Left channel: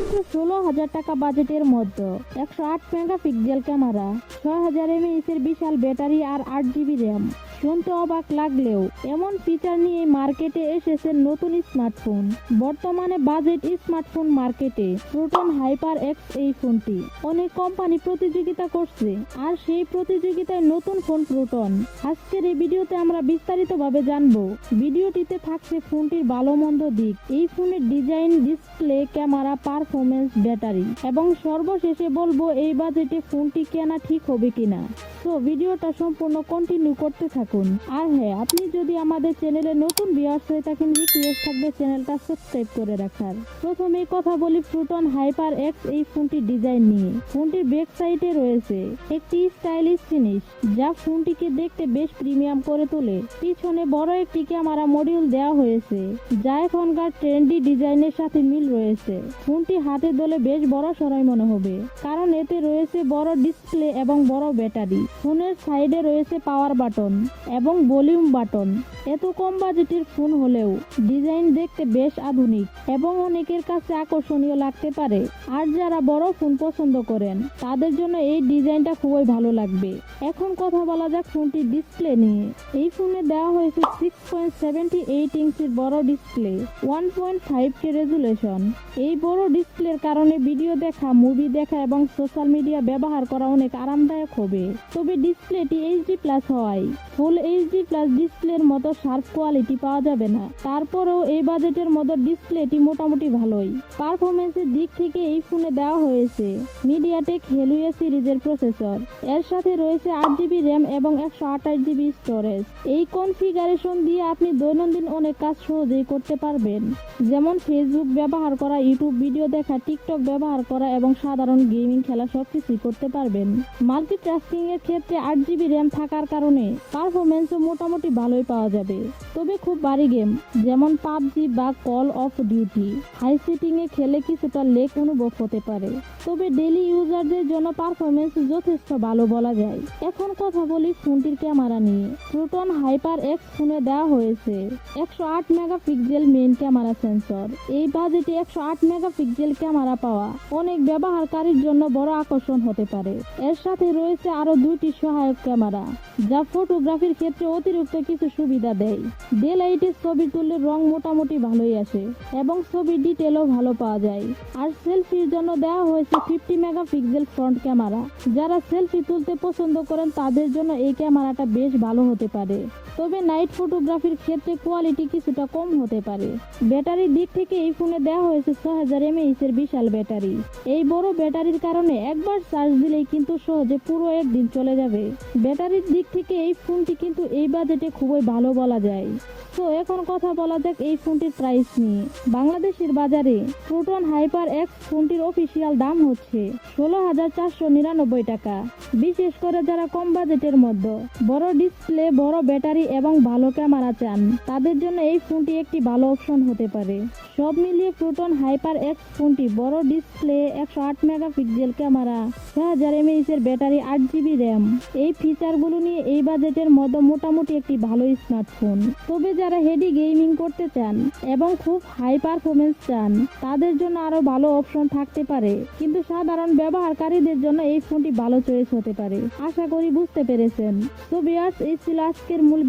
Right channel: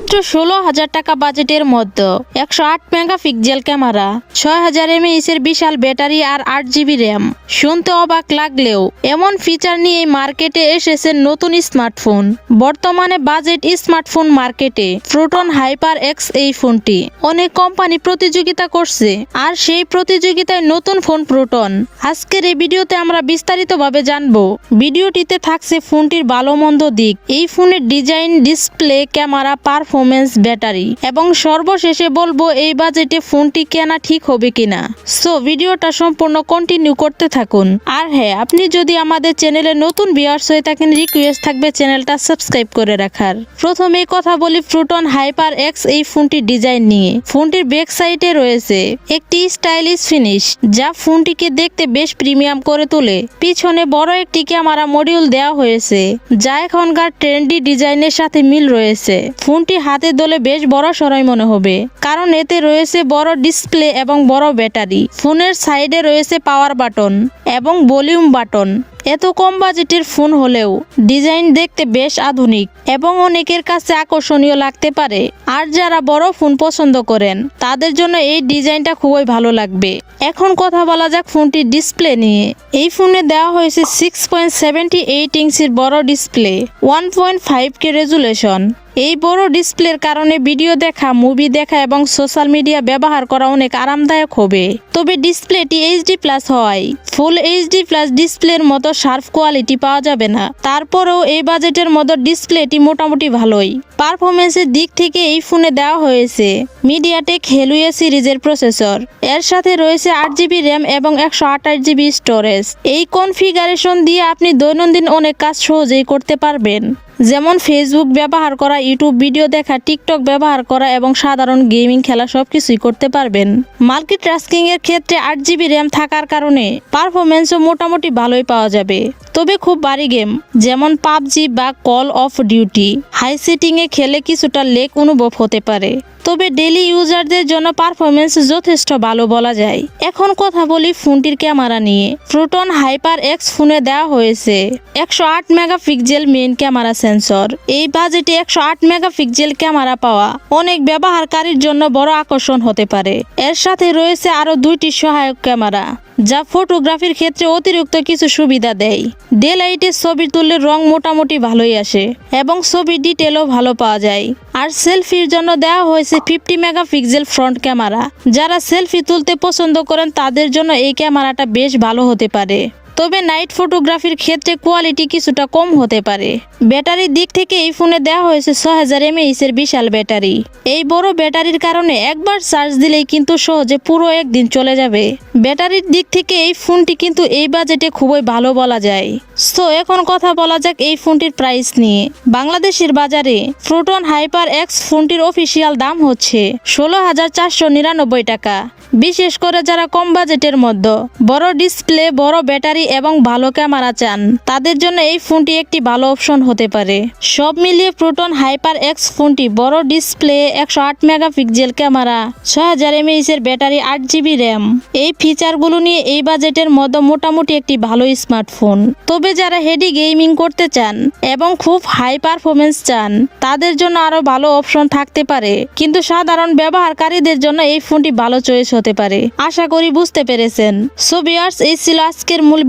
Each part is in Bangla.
মাত্র 16,000 টাকা বাজেটের মধ্যে 108 মেগাপিক্সেল ক্যামেরা, 6000 mAh এর বিশাল ব্যাটারি আর 8 GB র্যাম। শুনতে অবাক লাগলেও এমন ফিচার নিয়ে মার্কেটে এসেছে নতুন স্মার্টফোন। বর্তমানে বাজেট স্মার্টফোন মার্কেটে প্রোটন হাইপার এক্স এই ফোনটি অনেক কোম্পানি প্রতিযোগিতা করছে, আর সেই প্রতিযোগিতায় নতুন ফোন প্রোটন। আজকের এই ভিডিওতে আমরা বিস্তারিতভাবে জানবো। ভিডিওটিতে থাকছে ফোনটির ভালো মন্দ দিক, এই ফোনের design, display, camera, performance, battery এবং সর্বশেষে বলবো এই বাজেটে ফোনটি কেনা ঠিক হবে কিনা। সো ভিডিওটা সম্পূর্ণ কন্টিনিউ করতে থাকুন। আর হ্যাঁ, আপনি যদি আমাদের চ্যানেলে নতুন ভিউয়ার্স হয়ে থাকেন, রিকোয়েস্ট থাকবে চ্যানেলটা সাবস্ক্রাইব করে রাখার। প্রথমেই কথা বলি প্রোটন হাইপার এক্স এই ফোনটির ডিজাইন নিয়ে। ফোনটির ব্যাক সাইডে রয়েছে একটি স্টাইলিশ ফিনিশ, যা ফোনটিকে দেখতে বেশ প্রিমিয়াম করে তোলে। পিছনে বড় একটি ক্যামেরা মডিউল দেওয়া হয়েছে, যা এখনকার ট্রেন্ডি ডিজাইনের সাথে মিল রয়েছে। ফোনটি হাতে ধরলে বেশ বড় সরাই মনে হবে, কারণ এতে রয়েছে বড় ডিসপ্লে এবং বড় ব্যাটারি। ফোনের সাইডে রয়েছে পাওয়ার বাটন এবং ভলিউম বাটন। এত কম বাজেটের ফোন হলেও ডিজাইন দেখতে বেশ আধুনিক এবং অনেকের কাছে আকর্ষণীয় লাগতে পারে। আর যারা বড় ফোন পছন্দ করেন তাদের জন্য এই ডিজাইনটা খুবই ভালো লাগবে। এখন কথা বলা যাক ফোনটির ডিসপ্লে নিয়ে। এই ফোনে দেওয়া হয়েছে 6.78 ইঞ্চির বড় ডিসপ্লে, 1.5K রেজুলেশন। এই বড় ডিসপ্লের কারণে ভিডিও দেখা, মুভি দেখা এবং সোশ্যাল মিডিয়া ব্যবহার করা অনেক আরামদায়ক হবে। তবে ডিসপ্লেটি HD+ হওয়ায় ফুল HD+ ডিসপ্লের মতো শার্প কোয়ালিটি পাওয়া যাবে না। তারপরেও এই বাজেটের মতো ডিসপ্লেটি মোটামুটি ভালোই। পারফরমেন্সের দিক থেকে এই ফোনে দেওয়া হয়েছে মিডিয়াটেক হেলিও সিরিজের প্রসেসর। এর সাথে রয়েছে 8 GB র্যাম এবং 128 GB স্টোরেজ। এই কনফিগারেশন দিয়ে আপনি দৈনন্দিন অনেক কাজ সহজেই করতে পারবেন, যেমন ফেসবুক ব্যবহার করা, ইউটিউব ভিডিও দেখা, টিকটক ব্যবহার করা এবং সাধারণ গেমিং খেলা সবকিছুই করতে পারবেন। মাল্টিটাস্কিং এর ক্ষেত্রে 8 GB র্যাম থাকার কারণে পারফরমেন্সও মোটামুটি ভালোই পাওয়া যাবে। তবে খুব ভারী গেম যেমন পাবজি বা call of duty high setting এ খেলে কিছুটা লেগ অনুভব হতে পারে। তবে ডেইলি ইউজারদের জন্য পারফরমেন্স যথেষ্ট ভালো বলা যায়। এখন কথা বলি ফোনটির ক্যামেরা নিয়ে। প্রোটন হাইপার এক্স ফোনে দেওয়া হয়েছে 108 মেগাপিক্সেল মেইন ক্যামেরা সেন্সর। এই বাজেটে 108 মেগাপিক্সেল ক্যামেরা পাওয়া অনেক ব্যবহারকারীর জন্য বড় আকর্ষণ হতে পারে। এর সাথে রয়েছে আরো 2টি সহায়ক ক্যামেরা, যা ফটোগ্রাফির ক্ষেত্রে অতিরিক্ত কিছু সুবিধা দেয়। ডে লাইটে ছবি তুললে রং মোটামুটি ভালোই আসে এবং ছবি ডিটেলও ভালো পাওয়া যায়। আর সেলফির জন্য দেওয়া হয়েছে 50 মেগাপিক্সেল ফ্রন্ট ক্যামেরা। যারা সেলফি তুলতে পছন্দ করেন তাদের জন্য এই ক্যামেরাটা বেশ ভালো হতে পারে। তবে নাইট ফটোগ্রাফির ক্ষেত্রে কোয়ালিটি কিছুটা কম হতে পারে। ব্যাটারির দিক থেকে এই ফোনে দেওয়া হয়েছে 6000 mAh এর বিশাল ব্যাটারি। এই বড় ব্যাটারির কারণে একবার চার্জ দিলেই কিন্তু সহজে পুরো একদিন চলে যাবে। ব্যাটারির দিক থেকে এই ফোনটি কিন্তু এই বাজেটে খুবই ভালো বলা যায়। সো এখন কথা বলা যাক এই ফোনটির প্রাইস নিয়ে। বাংলাদেশের বাজারে প্রোটন হাইপার এক্স ফোনটির অফিসিয়াল দাম হচ্ছে 16,499 টাকা। বিশেষ করে যারা কম বাজেটের মধ্যে বড় ডিসপ্লে, বড় ব্যাটারি এবং ভালো ক্যামেরা চান, তাদের জন্য এই ফোনটি একটি ভালো অপশন হতে পারে। সব মিলিয়ে প্রোটন হাইপার এক্স ফোনটি বড় ডিসপ্লে, 108 মেগাপিক্সেল ক্যামেরা, 6000 mAh এর ব্যাটারি, 8 GB র্যাম, এই ফিচারগুলো নিয়ে এই বাজেটের মধ্যে মোটামুটি একটি ভালো স্মার্টফোন। তবে যারা হেভি গেমিং করতে চান এবং খুব হাই পারফরমেন্স চান, তাদের জন্য আরো ভালো অপশন থাকতে পারে। কিন্তু সাধারণ ব্যবহারকারীদের জন্য এই ফোনটি ভালো চয়েস হতে পারে। আশা করি বুঝতে পেরেছেন। সো ভিউয়ার্স, এই ছিল আজকের মূল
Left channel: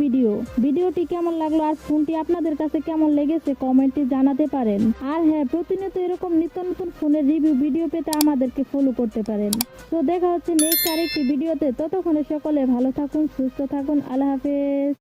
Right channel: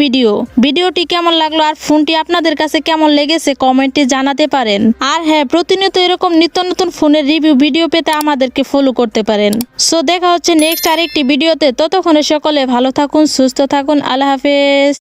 ভিডিওটি কেমন লাগলো আর ফোনটি আপনাদের কাছে কেমন লেগেছে কমেন্টে জানাতে পারেন। আর হ্যাঁ, প্রতিনিয়ত এরকম নিত্য নতুন ফোনের রিভিউ ভিডিও পেতে আমাদেরকে ফলো করতে পারেন। সো দেখা হচ্ছে নেক্সট আরেকটি ভিডিওতে। ততক্ষণে সকলে ভালো থাকুন, সুস্থ থাকুন। আল্লাহ হাফেজ।